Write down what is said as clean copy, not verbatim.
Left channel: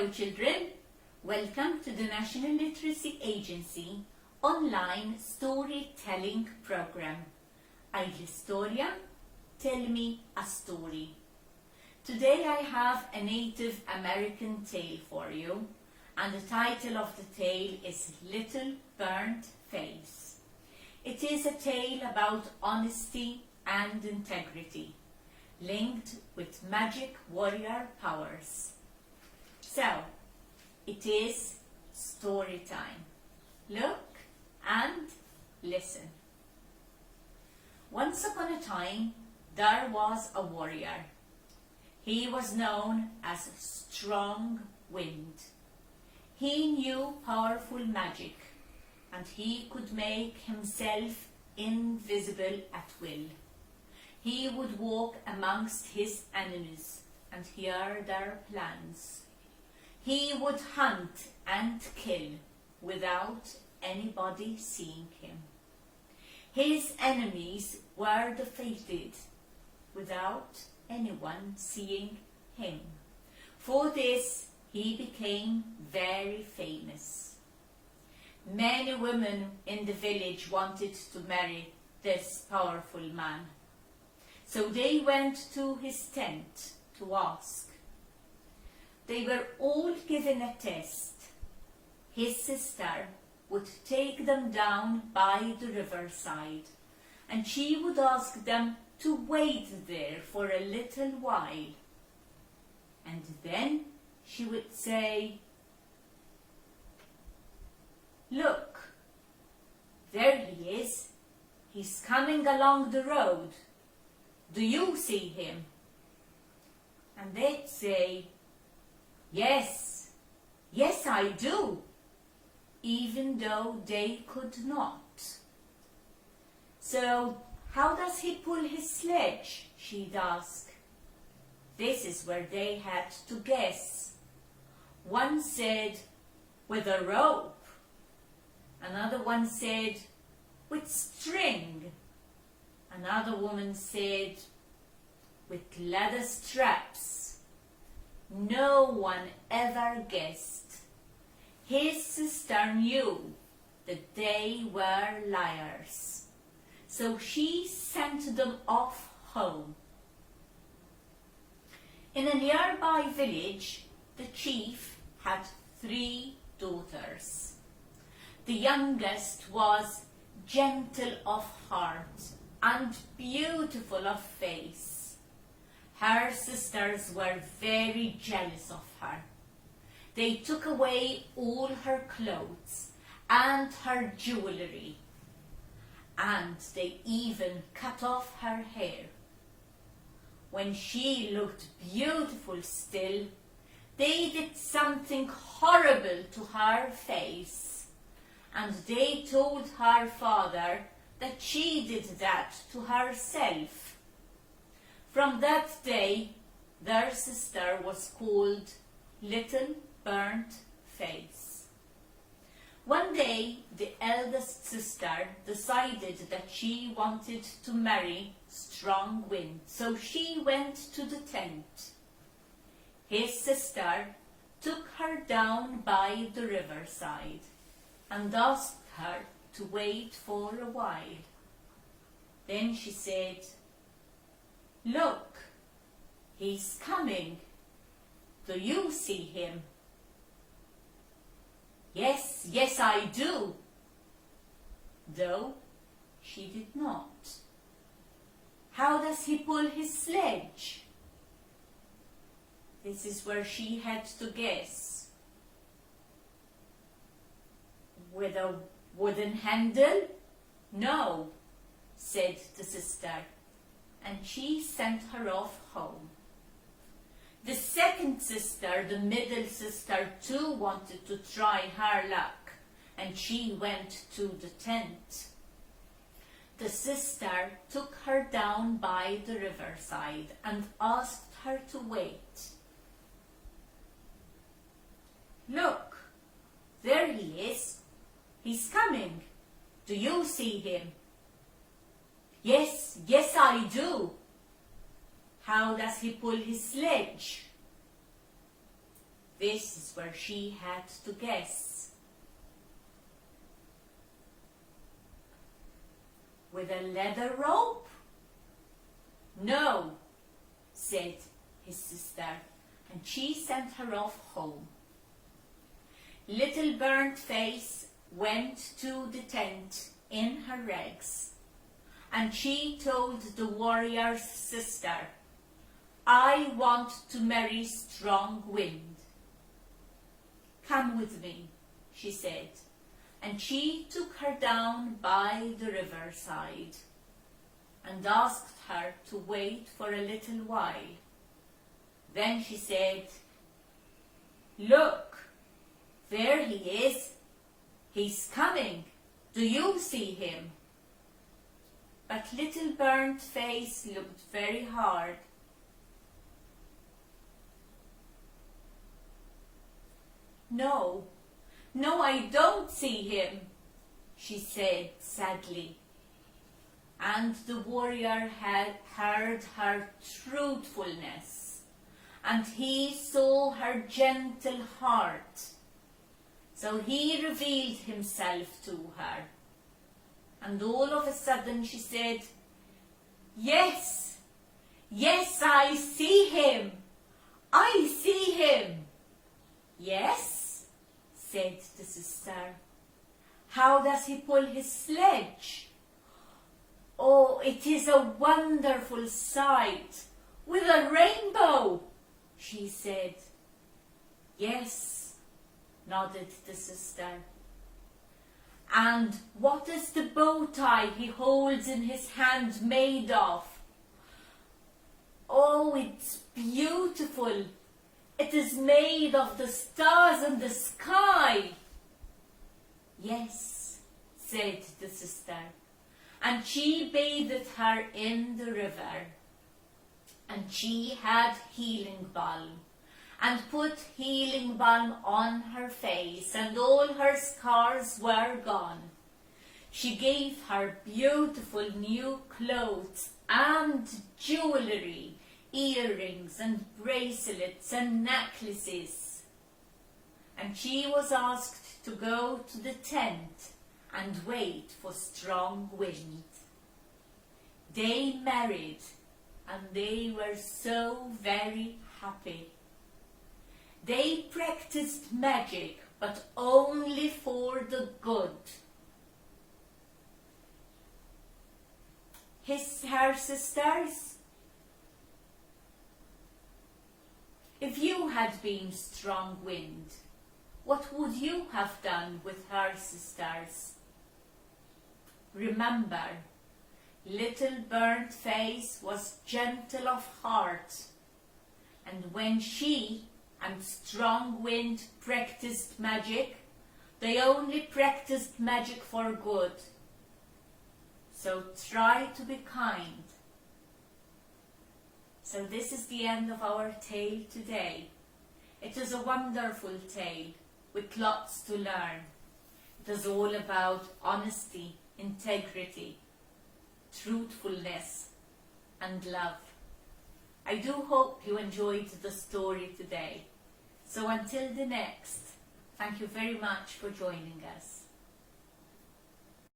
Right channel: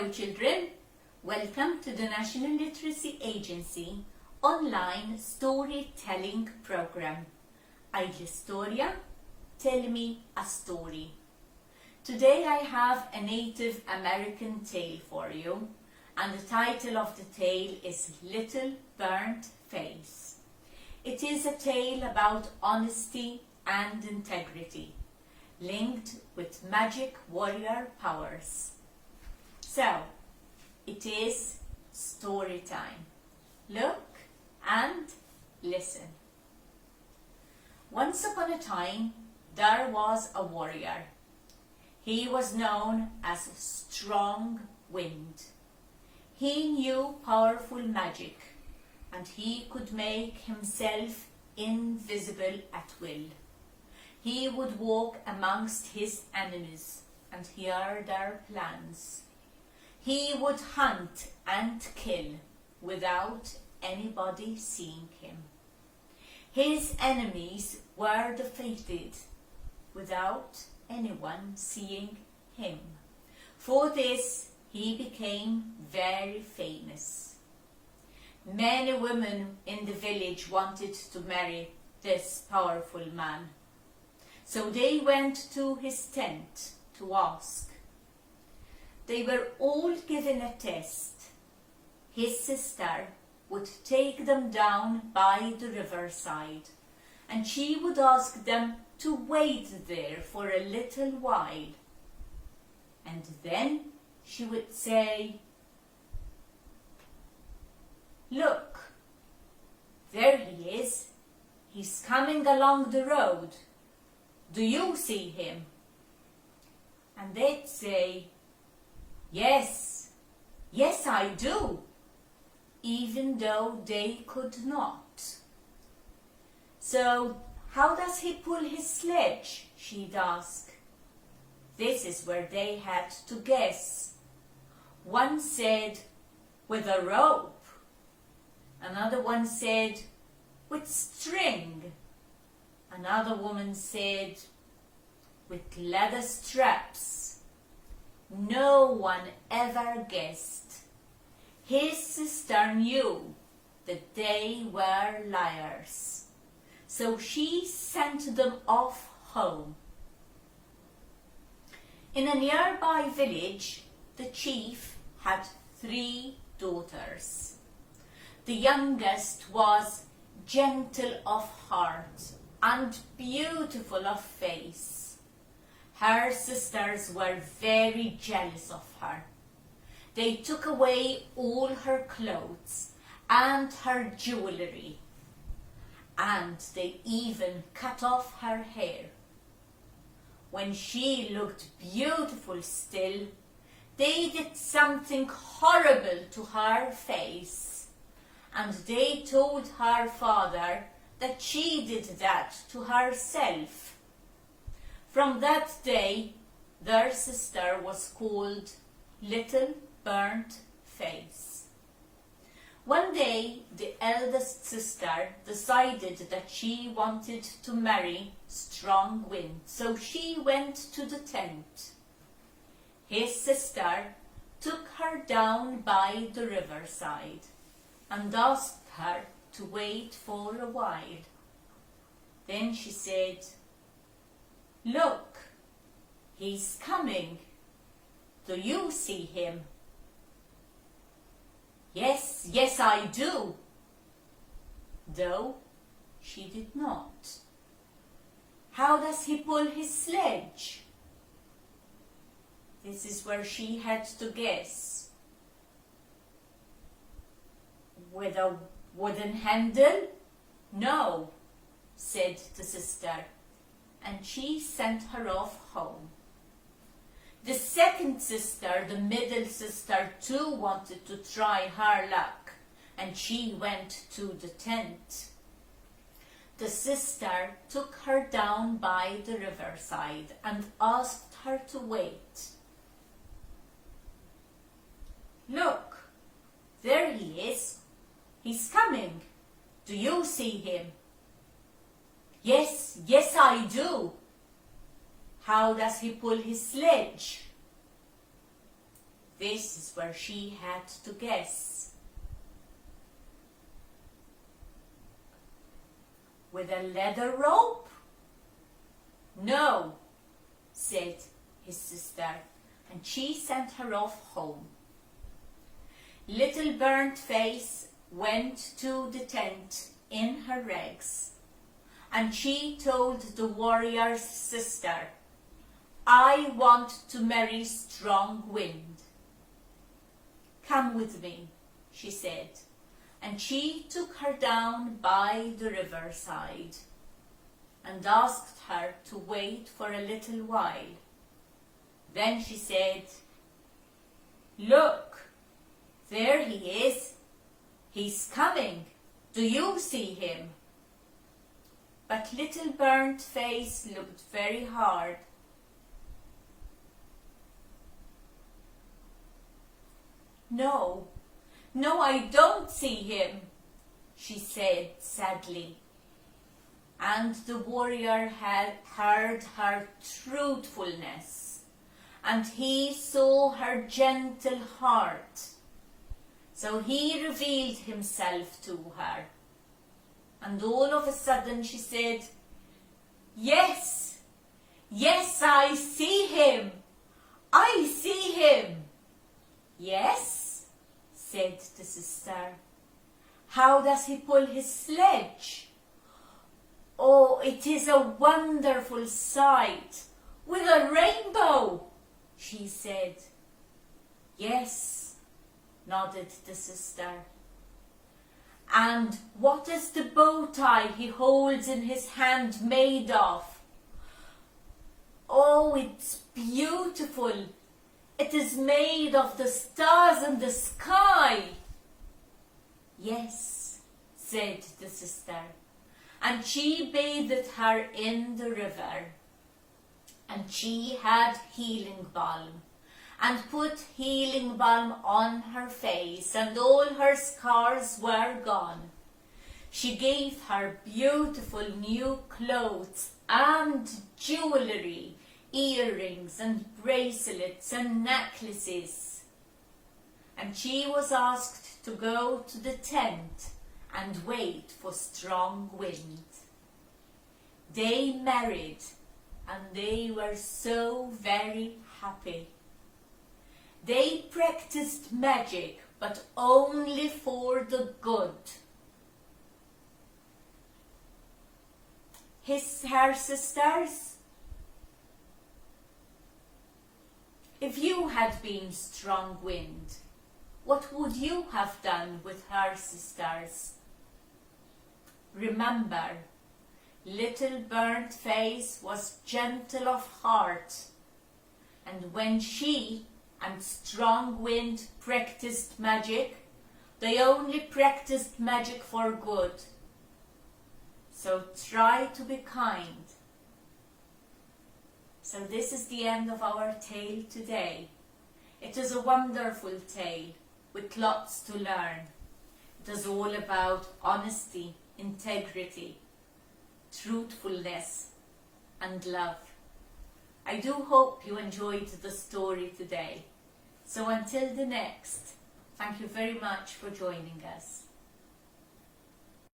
Hello children, welcome to the National Literacy Agency online storytelling program. Għidli Storja, tell me a story. Today I have a Native American tale for you, and the title of the tale is Little Burnt Face. It is a tale about honesty and integrity, linked with magic warrior powers. So, it is story time. Look and listen. Once upon a time, there was a warrior. He was known as Strong Wind. He knew powerful magic, and he could make himself invisible at will. He would walk amongst his enemies and hear their plans. He would hunt and kill without anybody seeing him. His enemies were defeated without anyone seeing him. For this, he became very famous. Many women in the village wanted to marry this powerful man. So they went to his tent to ask. They were all given a test. His sister would take them down by the riverside, and she would ask them to wait there for a little while. And then she would say, "Look, there he is. He's coming along the road. Do you see him?" And they'd say, "Yes, yes I do," even though they could not. "So how does he pull his sledge?" she'd ask. This is where they had to guess. One said, "With a rope." Another one said, "With string." Another woman said, "With leather straps." No one ever guessed. His sister knew that they were liars, so she sent them off home. In a nearby village, the chief had 3 daughters. The youngest was gentle of heart and beautiful of face. Her sisters were very jealous of her. They took away all her clothes and her jewelry, and they even cut off her hair. When she looked beautiful still, they did something horrible to her face, and they told her father that she did that to herself. From that day, their sister was called Little Burnt Face. One day, the eldest sister decided that she wanted to marry Strong Wind, so she went to the tent. His sister took her down by the riverside and asked her to wait for a while. Then she said, "Look, he's coming. Do you see him?" "Yes, yes I do." Though she did not. "How does he pull his sledge?" This is where she had to guess. "With a wooden handle?" "No," said the sister, and she sent her off home. The second sister, the middle sister, too wanted to try her luck, and she went to the tent. The sister took her down by the riverside and asked her to wait. "Look, there he is. He's coming. Do you see him?" "Yes, yes I do." "How does he pull his sledge?" this is where she had to guess. With a leather rope? No, said his sister, and she sent her off home. Little Burnt Face went to the tent in her rags, and she told the warrior's sister, I want to marry Strong Wind. Come with me, she said, and she took her down by the riverside and asked her to wait for a little while. Then she said, Look, there he is. He's coming. Do you see him? But Little Burnt Face looked very hard. No, I don't see him, she said sadly. And the warrior had heard her truthfulness, and he saw her gentle heart. So he revealed himself to her. And all of a sudden she said, Yes, I see him. I see him. Yes, said the sister. How does he pull his sledge? Oh, it is a wonderful sight, with a rainbow, she said. Yes, nodded the sister. And what is the bow tie he holds in his hand made of? Oh, it's beautiful. It is made of the stars in the sky. Yes, said the sister, and she bathed her in the river. And she had healing balm, and put healing balm on her face, and all her scars were gone. She gave her beautiful new clothes and jewellery, earrings and bracelets and necklaces. And she was asked to go to the tent and wait for Strong Wind. They married, and they were so very happy. They practiced magic, but only for the good. Her sisters, if you had been Strong Wind, what would you have done with her sisters? Remember, Little Burnt Face was gentle of heart, and when she and Strong Wind practiced magic, they only practiced magic for good. So try to be kind. So this is the end of our tale today. It is a wonderful tale with lots to learn. It is all about honesty, integrity, truthfulness, and love. I do hope you enjoyed the story today. So until the next, thank you very much for joining us.